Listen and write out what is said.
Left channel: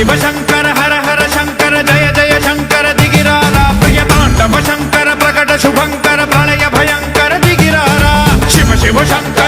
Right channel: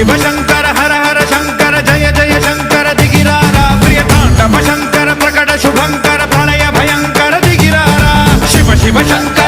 शिव शंकर हर हर शंकर जय जय शंकर दिगिरारा प्रिय तांडव शंकर प्रकट शुभंकर प्रलय भयंकर दिगिरारा शिव शिव शंकर